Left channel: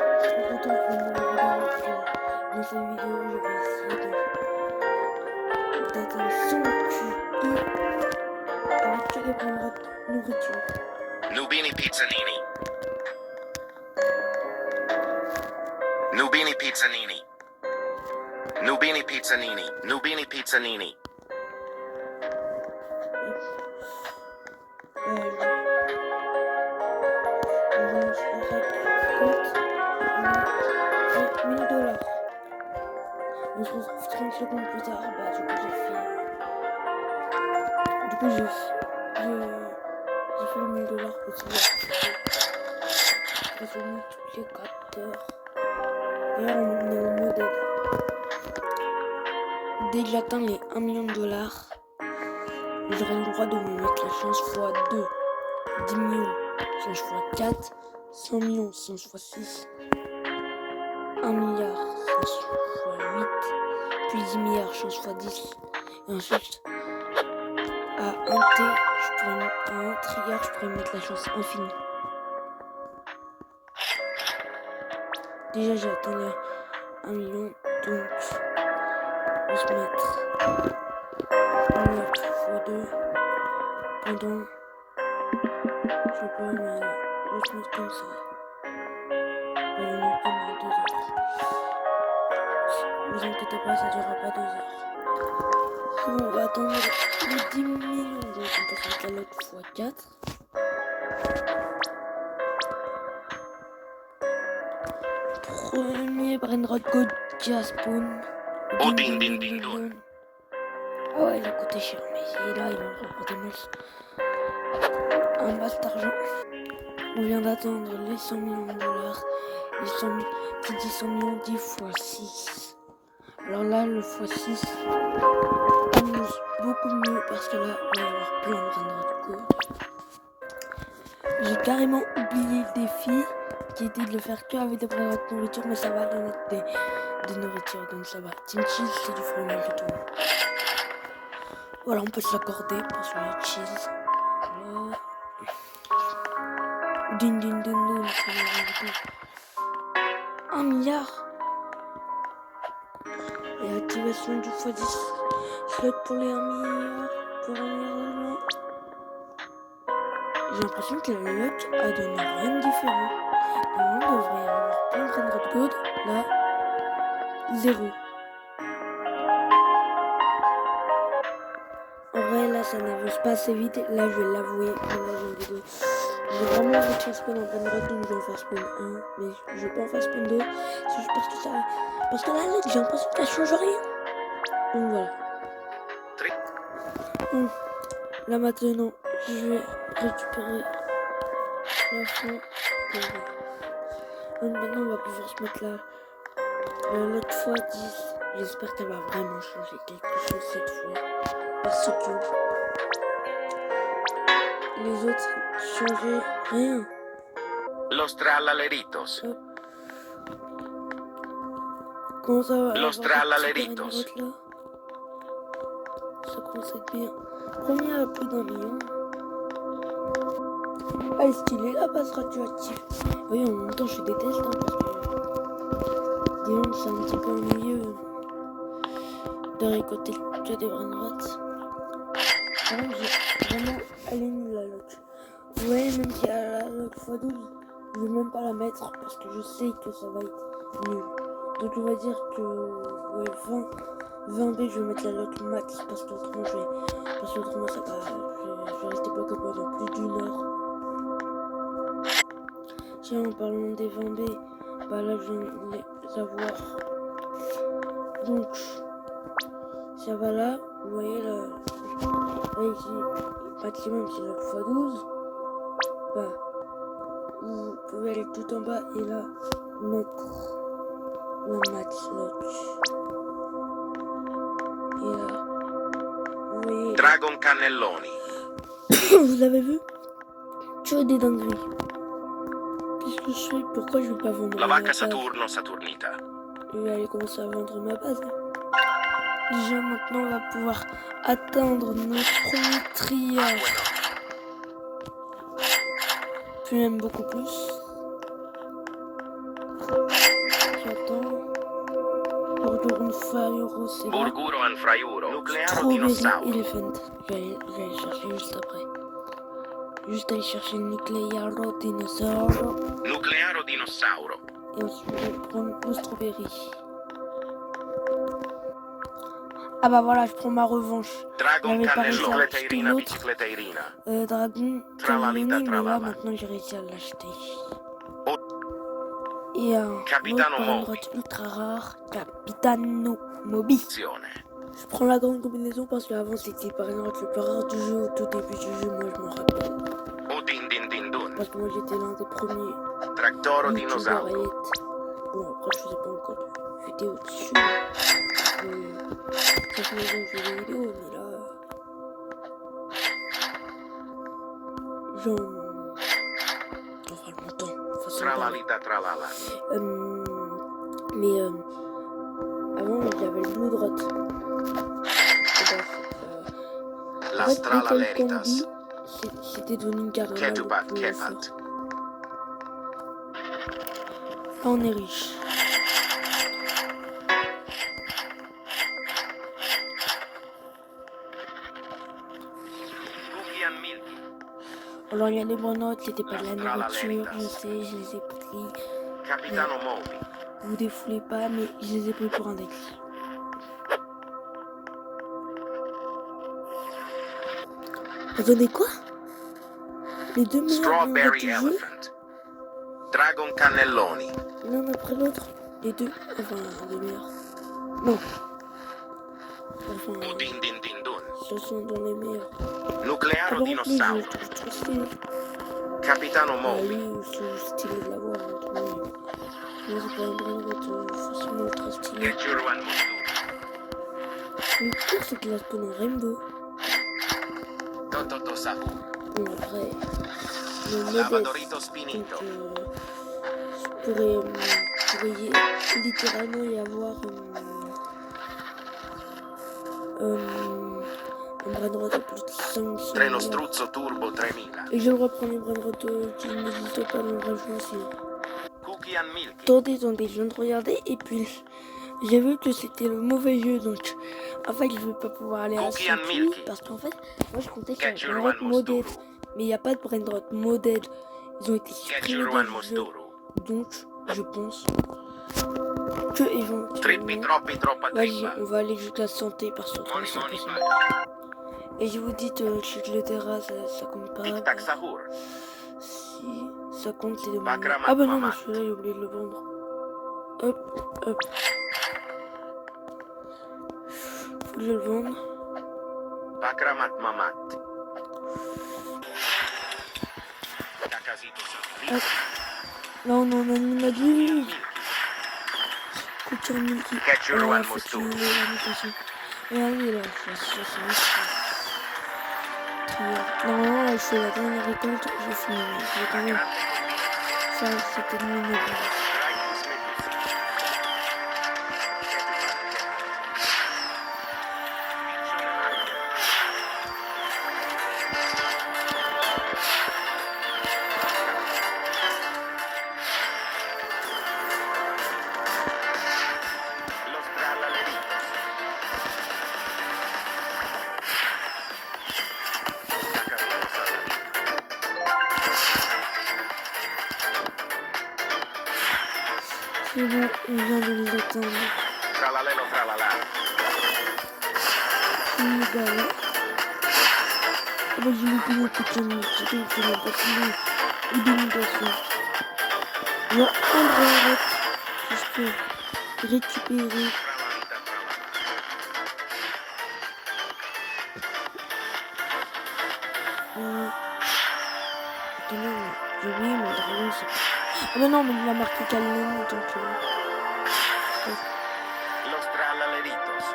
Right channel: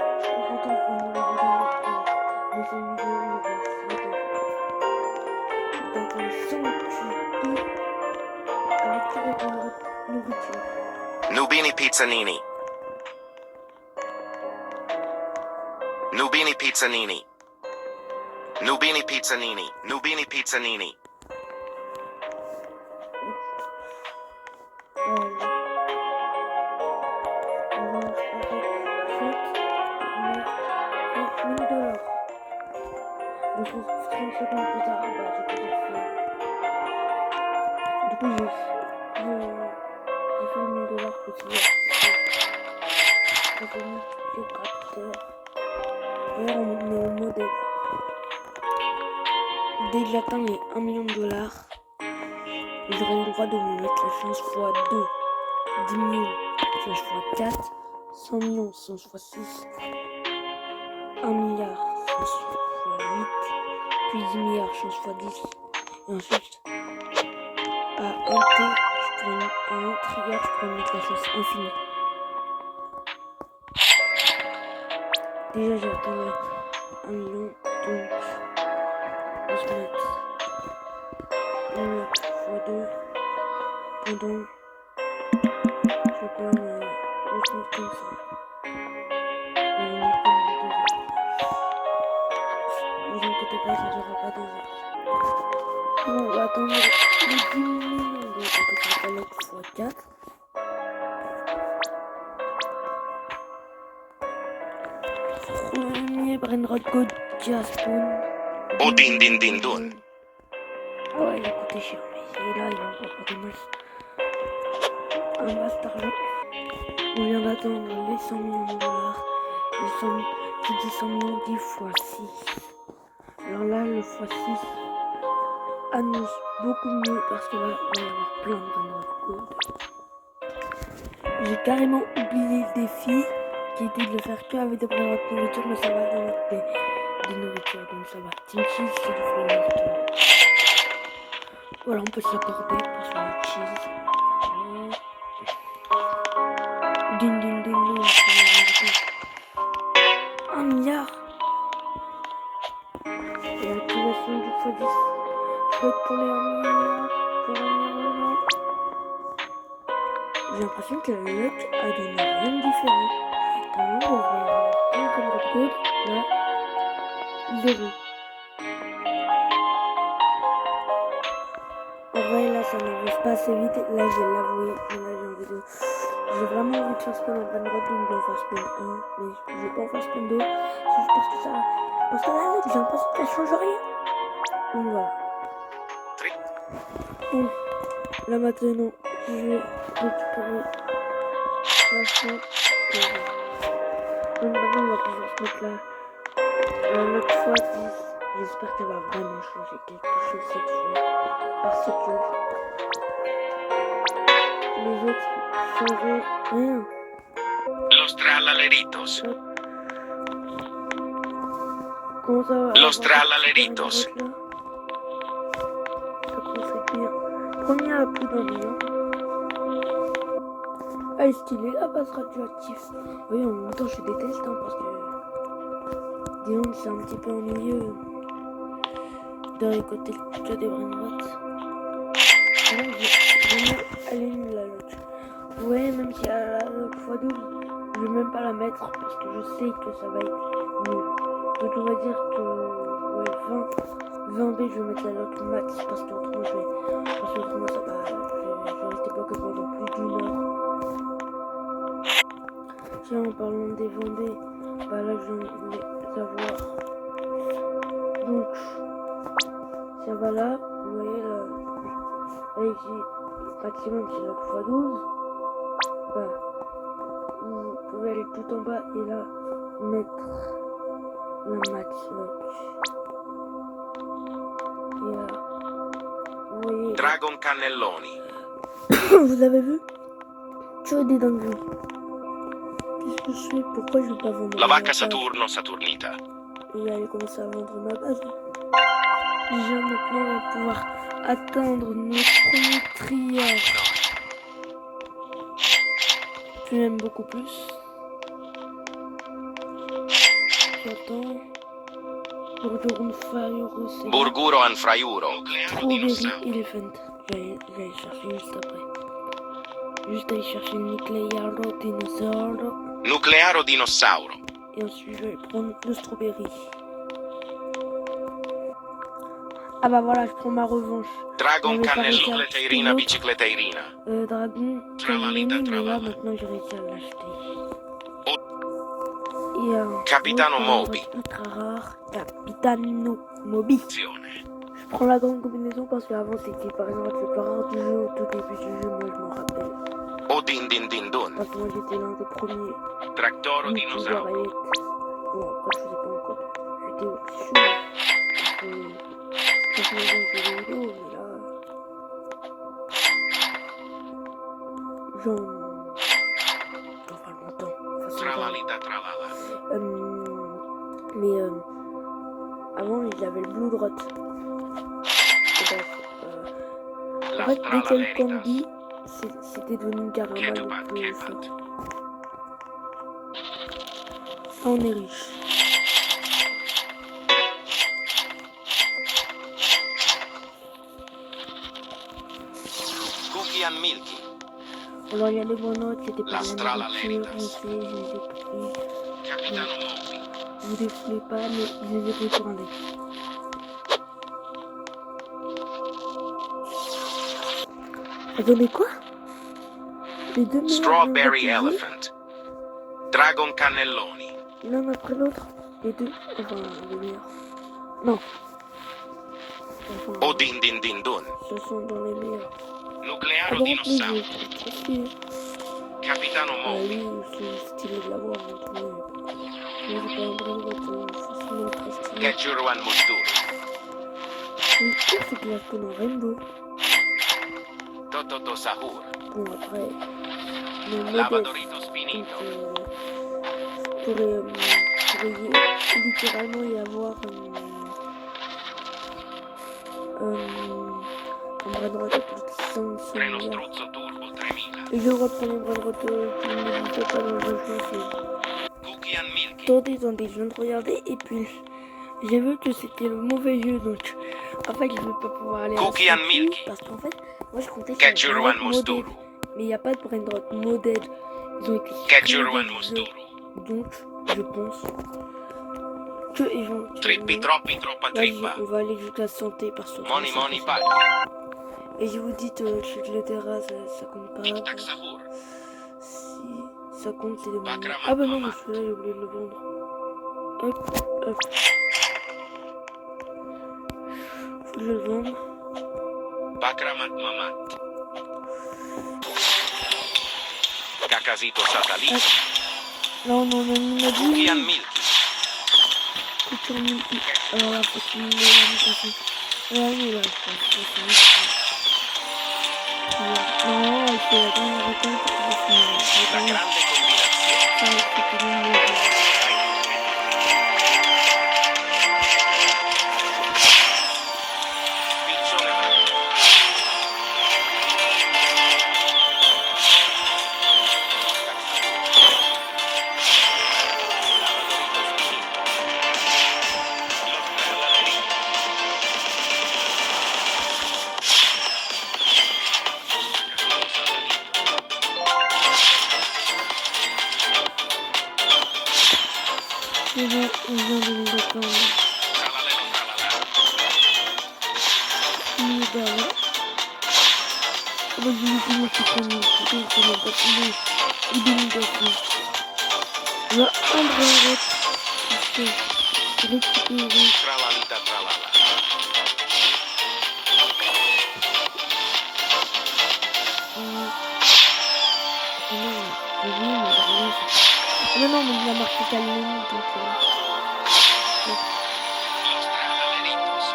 On se retrouve pour une nouvelle vidéo. Dans cette vidéo, je vais essayer d'atteindre 100 QI avec tous les points de nourriture. Nubini Pizzanini. Nubini Pizzanini. Nubini Pizzanini. Nubini Pizzanini. On lance avec compte. On a fait $1000. On se retrouve 30 secondes plus tard. Bah, du coup, j'ai fait. Du coup, j'ai fait le $1000 petit à petit. Résumé toutes les 4 heures. D'ailleurs, on est au modèle. Dès que j'atteins les $1 million, j'aurai le droit de me mettre la chance x2. 10 millions, chance x4. 100 millions, chance x6. 1 milliard, chance x8. Puis 10 milliards, chance x10. Et ensuite, à 1 trilliard, je pourrais mettre la chance infinie. Déjà, j'ai atteint les 1 million, donc on va se mettre 1 milliard x2 pendant, je sais pas, mais on va se mettre comme ça. On va le mettre pendant 2 heures. Ne vous inquiétez pas, ça durera pas 2 heures. Bon, on va attendre les 10 millions, donc on peut se mettre la loque x4. Premier Brainrot Code Jaspon. Oh din din din dun. Ah ouais, il a coûté cher, mais là, il va encore pour des masses. Un masse d'argent. On vient d'attendre les $100 millions. Qui dit 100 millions dit x6. Alors là, le x6 annonce beaucoup mieux parce que là, il va y avoir plein de Brainrot Code. J'ai carrément oublié le défi qui était de le faire que avec des Brainrot de nourriture, mais ça va donner des nourritures, donc ça va. Team Cheese, c'est du fruit tout. Voilà, on peut s'accorder parce que le cheese. Din din din din. 1 milliard. Et activation du x10. Soit pour les 1 milliard. Pour 1 milliard de gens. J'ai l'impression que la luck a donné rien de différent. Normalement, on devrait avoir plein de Brainrot Code. Là, 0. En vrai, là, ça n'avance pas assez vite. Là, je vais l'avouer. Mais là, j'ai envie de. J'ai vraiment envie de faire spawn en Brainrot, donc je vais en faire spawn 1. Mais je vais pas en faire spawn 2. C'est juste parce que ça. Parce que là, j'ai l'impression qu'elle change rien. Donc voilà. Bon, là maintenant, je vais récupérer la chance. Donc maintenant, on va pouvoir se mettre la note x10. J'espère qu'elle va vraiment changer quelque chose cette fois. Parce que les autres changeaient rien. Los Trallaleritos. Comment ça va? Los Trallaleritos. Ça commence à être bien. Premier à plus d'1 million. Ah, est stylé la base radioactive. Oui, en même temps, je déteste hein, parce que disons que c'est un petit peu ennuyeux de récolter que des Brainrot. Par contre, j'ai vraiment allumé la lock. Vous voyez, même s'il y a la lock x12, je vais même pas la mettre parce que je sais que ça va être nul. Donc on va dire que ouais, 20 B, je vais mettre la lock max parce qu'autrement ça va, je vais rester bloqué pendant plus d'1 heure. Tiens, en parlant des 20 B, bah là je viens de les avoir. Donc ça va là, vous voyez là ici, maximum c'est lock x12. Bah, vous pouvez aller tout en bas et là mettre la max lock. Et là, vous voyez. Dragon Cannelloni. Vous avez vu? Tu as des dingueries. Qu'est-ce que je fais? Pourquoi je vais pas vendre La ma vacca base? Saturno Saturnita. Je vais aller commencer à vendre ma base. Déjà maintenant on va pouvoir atteindre notre premier trilliard. Puis même beaucoup plus. Attends. Burgurun Fayuro, c'est là. Burguro Anfraiuro. Nuclearo Strawberry Dinosauro. Elephant. J'allais chercher juste après. Juste aller chercher le Nuclearo Dinosauro. Nuclearo Dinosauro. Et ensuite, je vais prendre le Strawberry. Ah bah voilà, je prends ma revanche. Dragon J'avais pas réussi Cannelloni. à acheter Bicicleteirina, l'autre. bicicleteirina. Dragon Tralalita, Cannelloni, mais là tralala. maintenant j'ai réussi à l'acheter. Oh. Et Capitano autre Moby. paradroite ultra rare, Capitano Moby. Azione. Je prends la grande combinaison parce qu'avant c'était par exemple le plus rare du jeu au tout début du jeu, moi je m'en rappelle. Odin din din dun. Parce que moi j'étais l'un des premiers Tractoro youtubeurs dinosauro. à y être. Bon après je faisais pas encore de vidéos dessus. Parce que ça fait longtemps que je fais des vidéos, mais là... Genre... Enfin longtemps, façon de parler. Tralalita tralala. Mais avant j'avais le Blue Drot. Et bref, en fait dès qu'il y a eu le Candy, c'était devenu carrément Ketupat, le plus fort. kepat. Là on est riche. Cookie and Milky. Alors il y a les monotes, c'était pas de la L'Astrala nourriture, Leritas. je sais, je les ai pris. Capitano Moby. Je vous défoulez pas, mais je les ai pris pour un deck. Attendez quoi? Les deux meilleurs Strawberry jeux Elephant. Dragon Cannelloni. l'un après l'autre. Les deux, enfin les meilleurs. Non. Enfin, Odin din din dun. ce sont dans les meilleurs. Ah Nuclearo bon, les jeux, Dinosauro. je trouve trop stylé. Capitano Bah Moby. lui, c'est stylé de l'avoir. Hein, moi j'ai pas un brain rot forcément ultra stylé. Ketchuro and Musturu. Le pire c'est qu'il a spawn en rainbow. Tototo Sahur. Bon après, le modèle, Lavadorito donc Spinito. pourrait littéralement y avoir un brain rot à plus de 500 Treno milliards. Struzzo Turbo 3000. Et je reprends les brain rot qui n'existent pas dans le vrai jeu aussi. Cookie and Milky. Attendez, je viens de regarder et puis j'ai vu que c'était le mauvais jeu donc en fait je vais pas pouvoir aller à Cookie la and sortie Milky. parce qu'en fait moi je comptais sur Ketchuro le brain and rot modèle Musturu. mais il n'y a pas de brain rot modèle, ils ont été Ketchuro supprimés and du jeu Musturu. donc je pense que éventuellement Trippi troppi troppa vas-y trippa. on va aller jusqu'à santé parce que Moni c'est moni impossible. palla. Et je vous dis que le terrain ça compte pas. Tic tac Sahur. Si ça compte, c'est le Bakra Ah bah non, Matmama. mais celui-là, j'ai oublié de le vendre. Hop, hop. Faut que je le vende. Bakramat mamat. Cacasito satellite. Non, non, non, on a Cookie and dit. Milky. Couture multi. Ketchuro and Faut Musturu. qu'il ait la mutation. Oui, là, non, c'est la dernière récolte. Je vais quand même Grande faire cette ligne. Piccione matto. Cacasito satellite. C'est bon, on vient de nous attendre. Tralalelo tralala. Oui, bah là. Ah bah, je vais vous montrer comme il faut le bâtiment. Il est bâtiment. Il y a un brin rot. Je vais récupérer. Tralalita tralala. Attendez, mais oui, mais le dragon, c'est... Ah mais non, mais il a marqué Cannelloni, donc... Los tralaleritos.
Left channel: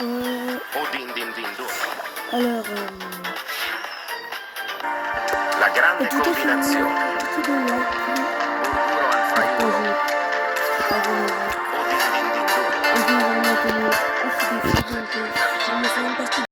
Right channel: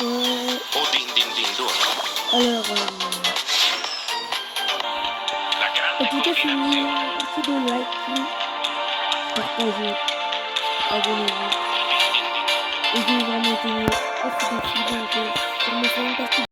Ouais, Odin din din dun. alors... La en grande tout cas, c'est combinazione. un petit peu like, Burguro partagez, Anfraiuro. abonnez-vous. Odin din din dun. Et je vais vraiment tenir à ce défi, donc sur mes 5 parties.